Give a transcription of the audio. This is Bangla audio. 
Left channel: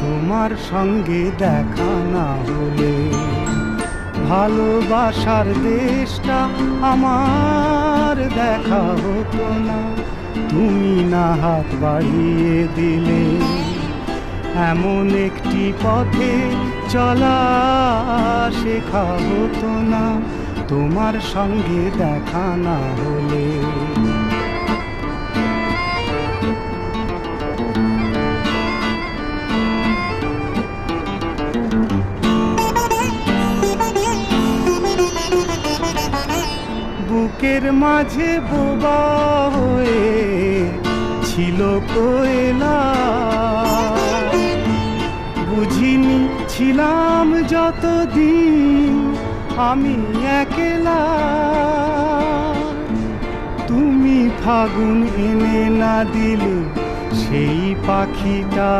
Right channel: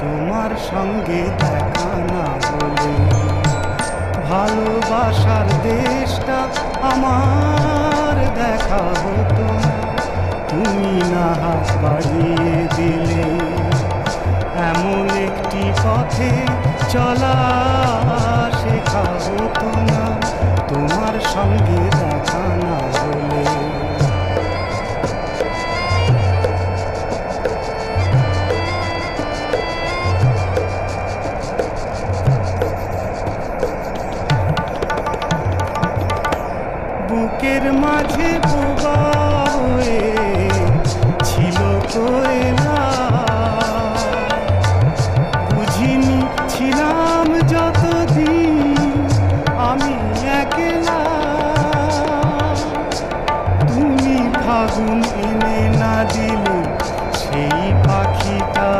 তোমার সঙ্গে দেখা না হলে ভালোবাসার দেশটা আমার দেখা হতো না। তুমি না হাত বাড়িয়ে দিলে এমন একটি পথে চলা শেখা হতো না তোমার সঙ্গে দেখা না হলে। বুকের মাঝে বোবা হয়ে ছিল কোয়েলা, বুঝিনি ছিলাম যতদিন আমি একলা। তুমি ফাগুন এনে না দিলে সেই পাখিটা